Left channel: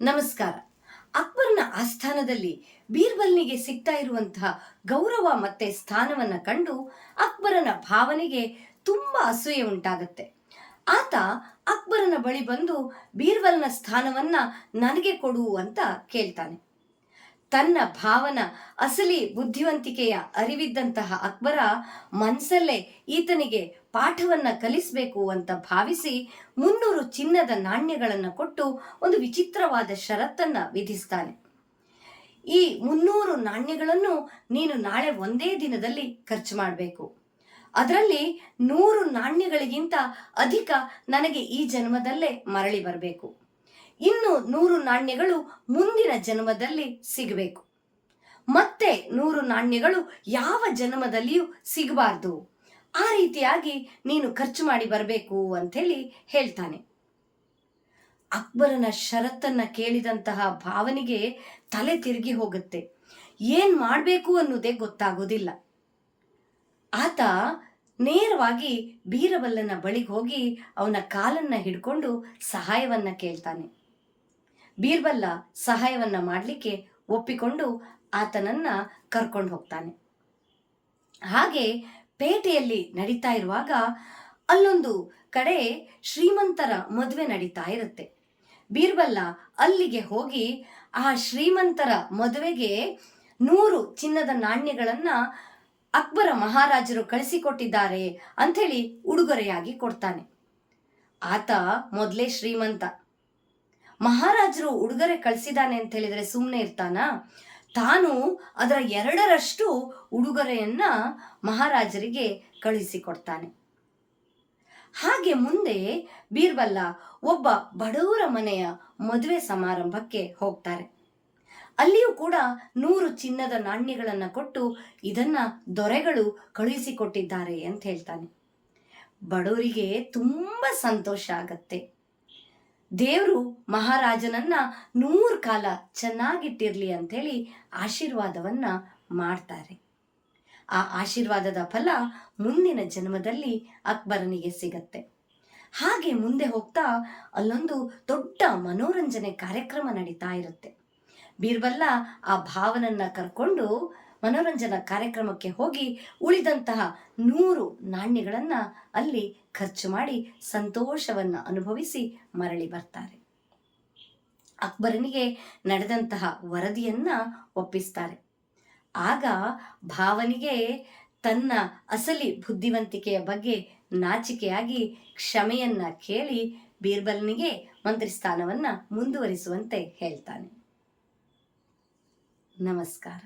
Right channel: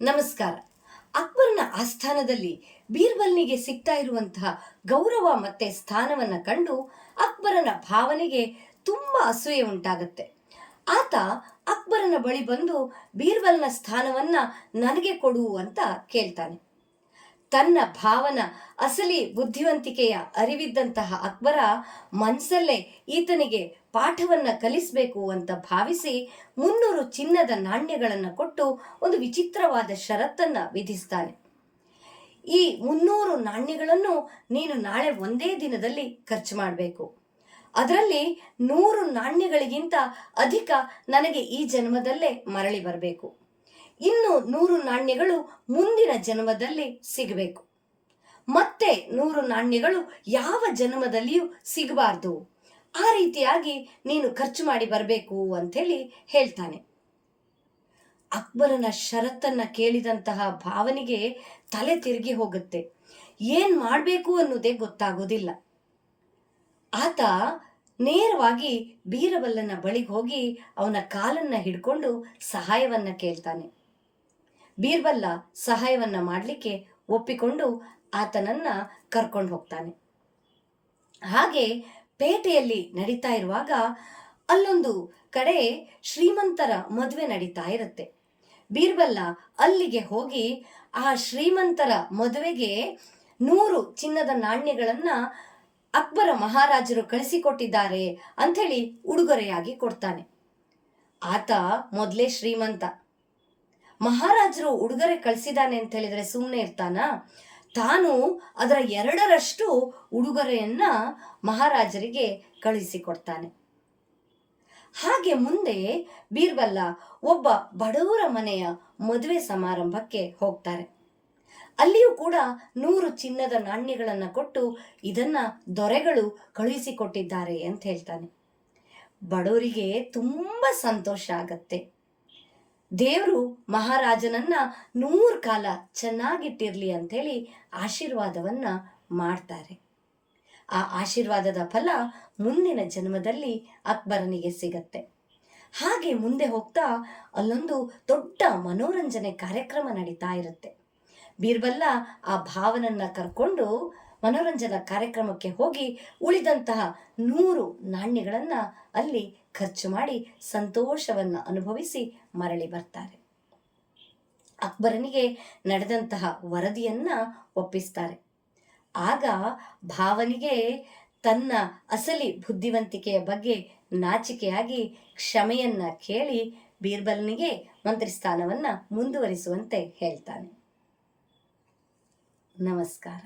ನಮಸ್ಕಾರ. ಅಕ್ಬರ್ನ ಆಸ್ಥಾನದಲ್ಲಿ ಬೀರ್ಬಲ್ನಿಗೆ ಸಿಗ್ತಾ ಇರುವಂತಹ ಗೌರವ ಮತ್ತೆ ಸ್ಥಾನವನ್ನ ಕಂಡು ಅಕ್ಬರನ ಭಾವನೆಗೆ ತುಂಬಾ ಅಸೂಯೆ ಉಂಟಾಗುತ್ತೆ. ಆತ ಅಕ್ಬರನ ಬಳಿ ಬಂದು ಬೀರ್ಬಲ್ನ ಸ್ಥಾನವನ್ನ ನನಗೆ ಕೊಡು ಅಂತ ಕೇಳ್ತಾನೆ. ತನ್ನ ಭಾವನ ಅಸಲಿ ಬುದ್ಧಿವಂತಿಕೆಯ ಅರಿವಿದ್ದಂತಹ ಅಕ್ಬರ ಮನಸ್ಸಲ್ಲೇ ಈತನಿಗೆ ಪಾಠವನ್ನ ಕಲಿಸಬೇಕು ಅಂತ ಭಾವಿಸಿ 300 ಚಿನ್ನದ ನಾಣ್ಯಗಳನ್ನು ಕೊಟ್ಟು ಒಂದು ವಿಚಿತ್ರವಾದ ಷರತ್ತನ್ನ ವಿಧಿಸ್ತಾನೆ. ಈ 300 ನಾಣ್ಯಗಳನ್ನು ನೀನು ನಾಳೆ ಒಂದೇ ದಿನದಲ್ಲಿ ಖರ್ಚು ಮಾಡಬೇಕು. ಅದರಲ್ಲಿ 100 ನಾಣ್ಯಗಳಿಗಿಂತ ಅಧಿಕ ನನಗೆ ಈ ಜನ್ಮದಲ್ಲೇ ಮರಳಿ ಬರಬೇಕು. ಇನ್ನು 100 ನಾಣ್ಯಗಳು ಮುಂದಿನ ಜನ್ಮದಲ್ಲಿ ಸಿಗಬೇಕು. ಮತ್ತೆ 100 ನಾಣ್ಯಗಳು ಯಾವ ಜನ್ಮದಲ್ಲಿಯೂ ಸಿಗಬಾರ್ದು. ಆ ರೀತಿಯಾಗಿ ನೀನು ಖರ್ಚು ಮಾಡಿ ಬರಬೇಕು ಅಂಥೇಳಿ ಹೇಳ್ತಾನೆ. ಅಕ್ಬರನ ಷರತ್ತನ್ನ ಕೇಳಿದಂತಹ ಭಾವನಿಗೆ ತಲೆ ತಿರುಗಿ ಹೋಗುತ್ತೆ. ಏನ್ ಮಾಡಬೇಕು ಅನ್ನೋದೇ ಗೊತ್ತಾಗೋದಿಲ್ಲ. ಆತ ನೇರವಾಗಿ ಬೀರಬಲ್ಲನ ಬಳಿಗೆ ಹೋಗಿ ಅವನ ಕಾಲನ್ನ ಹಿಡ್ಕೊಂಡು ಸಹಾಯವನ್ನ ಕೇಳ್ತಾನೆ. ಬೀರ್ಬಲ್ಲ ಸಹಾಯವನ್ನ ಮಾಡಲಿಕ್ಕೆ ಒಪ್ಪಿಕೊಂಡು ಆತನನ್ನ ಕರ್ಕೊಂಡು ಹೋಗ್ತಾನೆ. ಹಾಗೆ ಪೇಟೆಯಲ್ಲಿ ನಡೀತಾ ಇರುವಾಗ ಅಲ್ಲೊಂದು ಕಡೆ ಶ್ರೀಮಂತರ ಮದುವೆ ನಡೀತಾ ಇರುತ್ತೆ. ಬೀರ್ಬಲ್ಲ ಅಲ್ಲಿಗೆ ಹೋಗಿ ಆ ಶ್ರೀಮಂತರ ಮದುವೆಗೆ 100 ಚಿನ್ನದ ನಾಣ್ಯಗಳನ್ನ ಅಕ್ಬರ ಮಹಾರಾಜರು ಕಳಿಸಿಕೊಟ್ಟಿದ್ದಾರೆ ಅಂಥೇಳಿ ಉಡುಗೊರೆಯಾಗಿ ಕೊಡ್ತಾನೆ. ಆತ ಮೊದಲೇ ಶ್ರೀಮಂತ. ಮಹಾರಾಜರು ಉಡುಗೊರೆ ಕಳಿಸಿದಾನೆ ಅಂತ ಹೇಳಿದ್ರೆ ಸುಮ್ಮನೆ ಇರ್ತಾನ? ತಾನು ಅದರ 2ರಷ್ಟು ಉಡುಗೊರೆಯನ್ನ ಮಹಾರಾಜರಿಗೆ ಕಳಿಸಿಕೊಡ್ತಾನೆ. ಹಾಗೆ ಮುಂದೆ ಬೀರ್ಬಲ್ಲ ಒಬ್ಬ ಬಡವರ ಮನೆಯ ಮದುವೆ ಸಮಾರಂಭಕ್ಕೆ ಹೋಗ್ತಾರೆ. ಅಲ್ಲಿಯೂ ಕೂಡ 100 ಚಿನ್ನದ ನಾಣ್ಯಗಳನ್ನು ಕೊಟ್ಟು ಇದನ್ನ ದೊರೆಗಳು ಕಳುಹಿಸಿಕೊಟ್ಟಿದ್ದಾರೆ ಅಂತ ಹೇಳ್ತಾನೆ. ಬಡವರಿಗೆ ತುಂಬಾ ಸಂತೋಷ ಆಗತ್ತೆ. ದೇವರು ಮಹಾರಾಜನನ್ನ 100 ಕಾಲ ಚೆನ್ನಾಗಿಟ್ಟಿರ್ಲಿ ಅಂಥೇಳಿ ಆಶೀರ್ವಾದವನ್ನ ಮಾಡ್ತಾರೆ. ಆ ಆಶೀರ್ವಾದದ ಫಲ ಮುಂದಿನ ಜನ್ಮದಲ್ಲಿ ಅಕ್ಬರನಿಗೆ ಸಿಗತ್ತೆ. ಹಾಗೆ ಮುಂದೆ ಹೋಗ್ತಾ ಅಲ್ಲೊಂದು ದೊಡ್ಡ ಮನೋರಂಜನೆ ಕಾರ್ಯಕ್ರಮ ನಡೀತಾ ಇರುತ್ತೆ. ಬೀರ್ಬಲ್ಲ ಆ ಭಾವನನ್ನ ಕರ್ಕೊಂಡು ಮನೋರಂಜನಾ ಕಾರ್ಯಕ್ರಮಕ್ಕೆ ಹೋಗಿ ಉಳಿದಂತಹ 100 ನಾಣ್ಯಗಳನ್ನ ಅಲ್ಲಿ ಖರ್ಚು ಮಾಡಿ ಸಂತೋಷವನ್ನ ಅನುಭವಿಸಿ ಮರಳಿ ಬರ್ತಾರೆ. ಅಕ್ಬರನಿಗೆ ನಡೆದಂತಹ ವರದಿಯನ್ನ ಒಪ್ಪಿಸ್ತಾರೆ. ಆಗ ಭಾವನಿಗೆ ತನ್ನ ಅಸಲಿ ಬುದ್ಧಿವಂತಿಕೆಯ ಬಗ್ಗೆ ನಾಚಿಕೆಯಾಗಿ ಕ್ಷಮೆಯನ್ನ ಕೇಳಿ ಬೀರ್ಬಲ್ನಿಗೆ ಮಂತ್ರಿ ಸ್ಥಾನವನ್ನ ಮುಂದುವರಿಸುವಂತೆ ಹೇಳ್ತಾನೆ. ನಮಸ್ಕಾರ.